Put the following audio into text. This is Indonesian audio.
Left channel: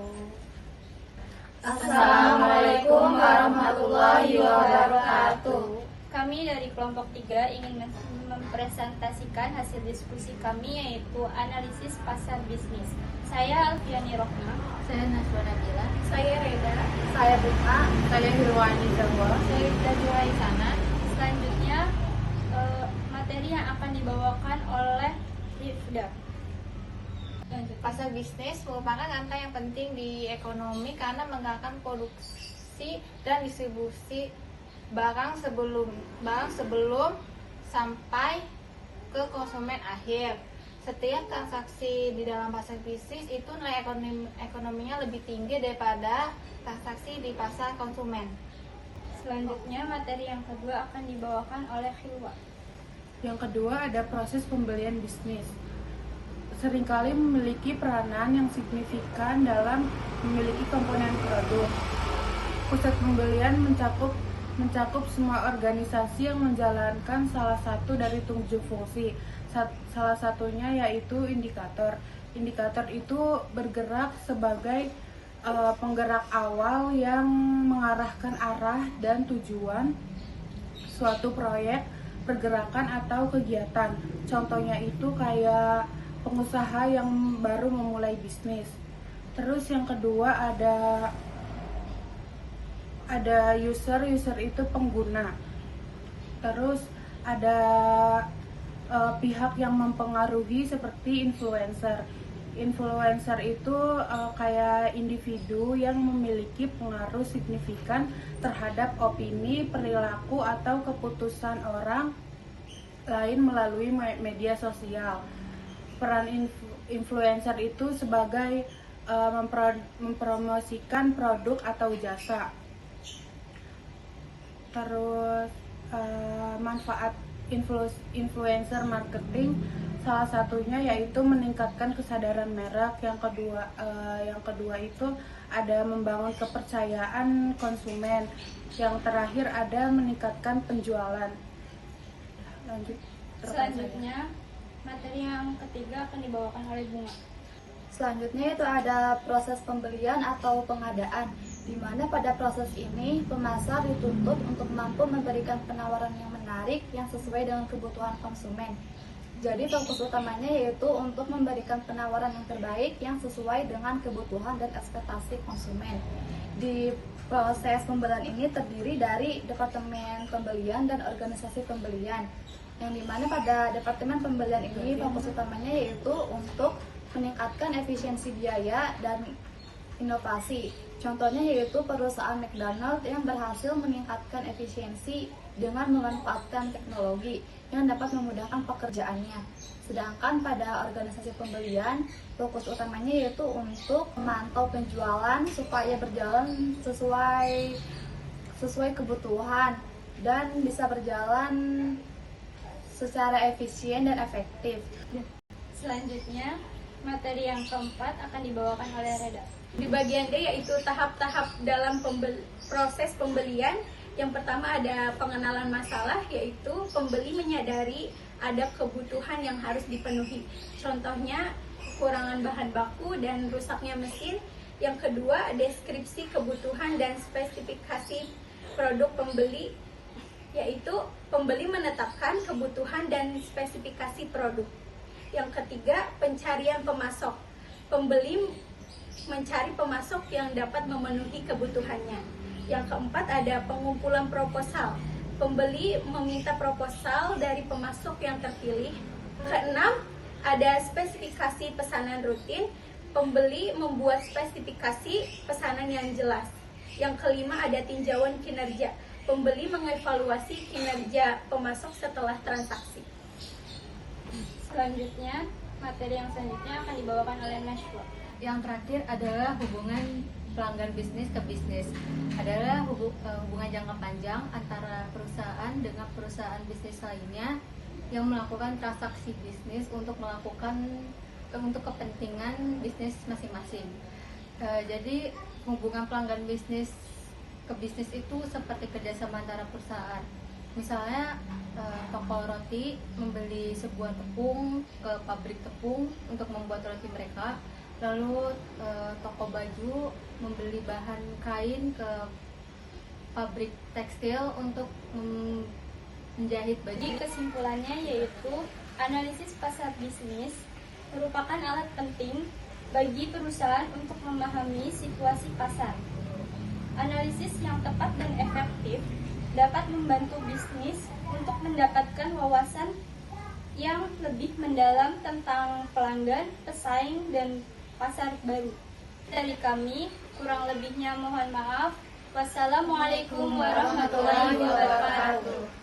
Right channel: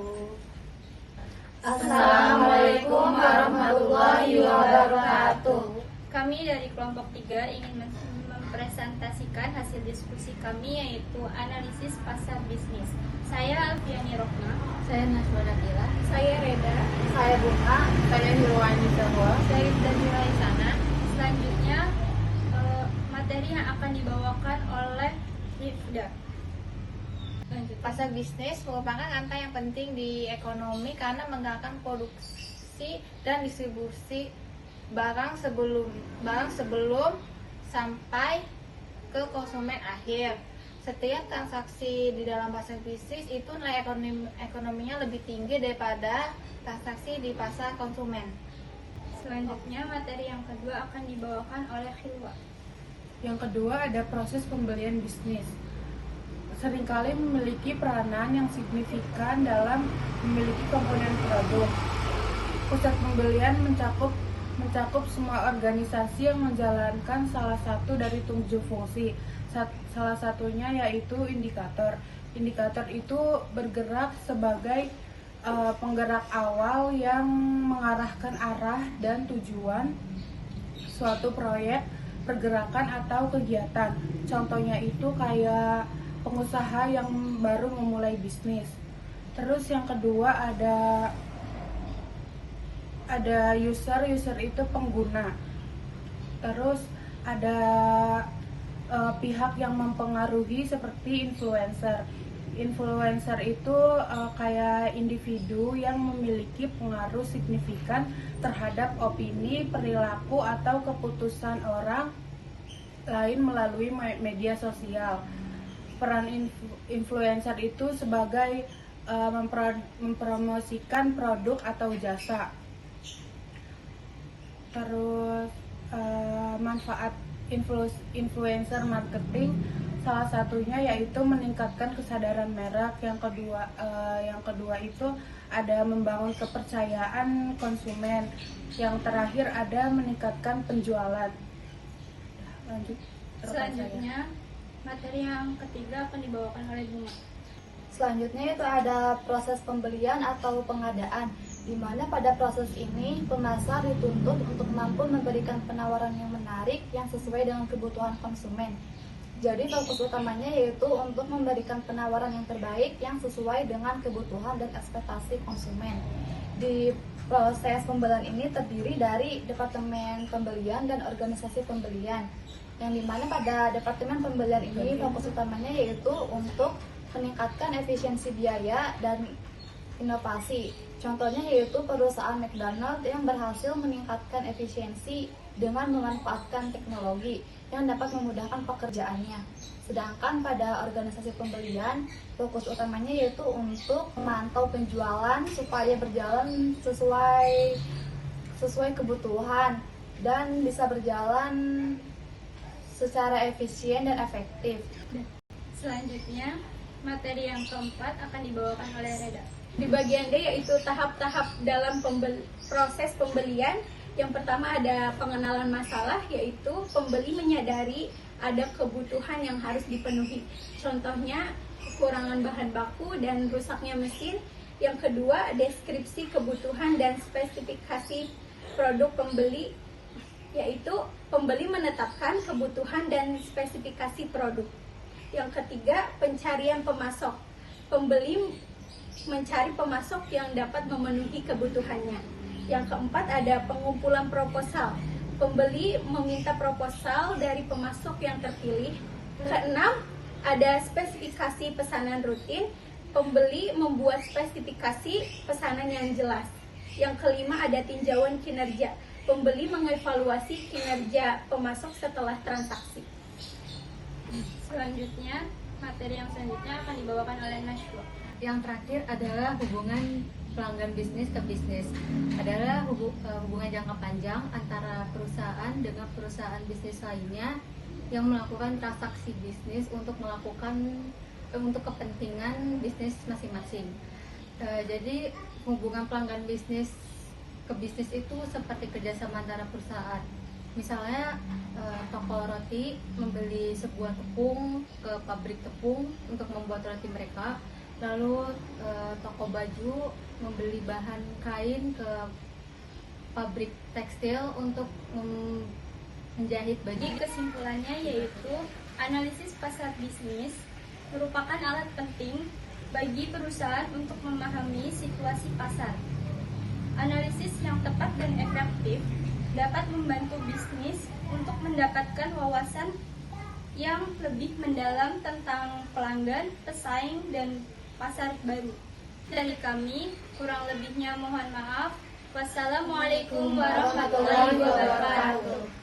wabarakatuh. Assalamualaikum warahmatullahi wabarakatuh. Kami dari kelompok 3 ingin mempresentasikan hasil diskusi kami, yaitu analisis pasar bisnis. Saya Alfiani Rohna. Saya Najwa Nabila. Saya Reda. Saya Bunga. Saya Hirwani Jabwa. Saya Rizda Juraitana. Selanjutnya materi yang akan dibawakan oleh Rifda. Pasar bisnis merupakan angka yang penting di ekonomi karena menggerakkan produksi dan distribusi barang sebelum sampai ke konsumen akhir. Setiap transaksi di dalam pasar bisnis itu nilai ekonominya lebih tinggi daripada transaksi di pasar konsumen. Selanjutnya materi yang kedua akan dibawakan oleh Hilwa. Yang kedua ada proses pembelian bisnis. Seringkali memiliki peranan yang signifikan dalam memiliki komponen produk. Pusat pembelian mencakup semua organisasi yang menjalankan salah satu dari 7 fungsi. Salah satunya yaitu indikator. Indikator itu bergerak sebagai penggerak awal yang mengarahkan arah dan tujuan suatu proyek, pergerakan atau kegiatan. Contohnya itu kayak pengusaha yang baru memulai bisnis. Terus yang kedua ada user itu pengguna. Terus ada pihak yang mempengaruhi seperti influencer. Influencer itu kayak individu yang memiliki pengaruh signifikan terhadap opini, perilaku atau keputusan orang lain melalui media sosial. Peran influencer itu sebagai mempromosikan produk atau jasa. Terus manfaat influencer marketing salah satunya yaitu meningkatkan kesadaran merek. Yang kedua itu ada membangun kepercayaan konsumen. Yang terakhir ada meningkatkan penjualan. Lanjut. Selanjutnya materi yang ketiga akan dibawakan oleh Bunga. Selanjutnya itu ada proses pembelian atau pengadaan, di mana pada proses ini pemasar dituntut untuk mampu memberikan penawaran yang menarik yang sesuai dengan kebutuhan konsumen. Jadi fokus utamanya yaitu untuk memberikan penawaran yang terbaik yang sesuai dengan kebutuhan dan ekspektasi konsumen. Di proses pembelian ini terdiri dari departemen pembelian dan organisasi pembelian, yang dimana pada departemen pembelian ini fokus utamanya yaitu untuk meningkatkan efisiensi biaya dan inovasi. Contohnya yaitu perusahaan McDonald yang berhasil meningkatkan efisiensi dengan memanfaatkan teknologi yang dapat memudahkan pekerjaannya. Sedangkan pada organisasi pembelian, fokus utamanya yaitu untuk memantau penjualan supaya berjalan sesuai kebutuhan dan bisa berjalan secara efisien dan efektif. Selanjutnya, materi yang keempat akan dibawakan oleh Reda. Di bagian D yaitu tahap-tahap dalam proses pembelian. Yang pertama ada pengenalan masalah, yaitu pembeli menyadari ada kebutuhan yang harus dipenuhi. Contohnya kekurangan bahan baku dan rusaknya mesin. Yang kedua, deskripsi kebutuhan dan spesifikasi produk pembeli, yaitu pembeli menetapkan kebutuhan dan spesifikasi produk. Yang ketiga, pencarian pemasok. Pembeli mencari pemasok yang dapat memenuhi kebutuhannya. Yang keempat, ada pengumpulan proposal. Pembeli meminta proposal dari pemasok yang terpilih. Keenam, ada spesifikasi pesanan rutin. Pembeli membuat spesifikasi pesanan yang jelas. Yang kelima, ada tinjauan kinerja. Pembeli mengevaluasi kinerja pemasok setelah transaksi. Selanjutnya, materi yang selanjutnya akan dibawakan oleh Najwa. Yang terakhir adalah hubungan pelanggan bisnis ke bisnis. Adalah hubungan jangka panjang antara perusahaan dengan perusahaan bisnis lainnya yang melakukan transaksi bisnis untuk kepentingan bisnis masing-masing. Jadi hubungan pelanggan bisnis ke bisnis itu seperti kerjasama antara perusahaan. Misalnya toko roti membeli sebuah tepung ke pabrik tepung untuk membuat roti mereka. Lalu toko baju membeli bahan kain ke pabrik tekstil untuk menjahit baju. Jadi kesimpulannya yaitu analisis pasar bisnis merupakan alat penting bagi perusahaan untuk memahami situasi pasar. Analisis yang tepat dan efektif dapat membantu bisnis untuk mendapatkan wawasan yang lebih mendalam tentang pelanggan, pesaing, dan pasar baru. Dari kami, kurang lebihnya mohon maaf. Wassalamualaikum warahmatullahi wabarakatuh.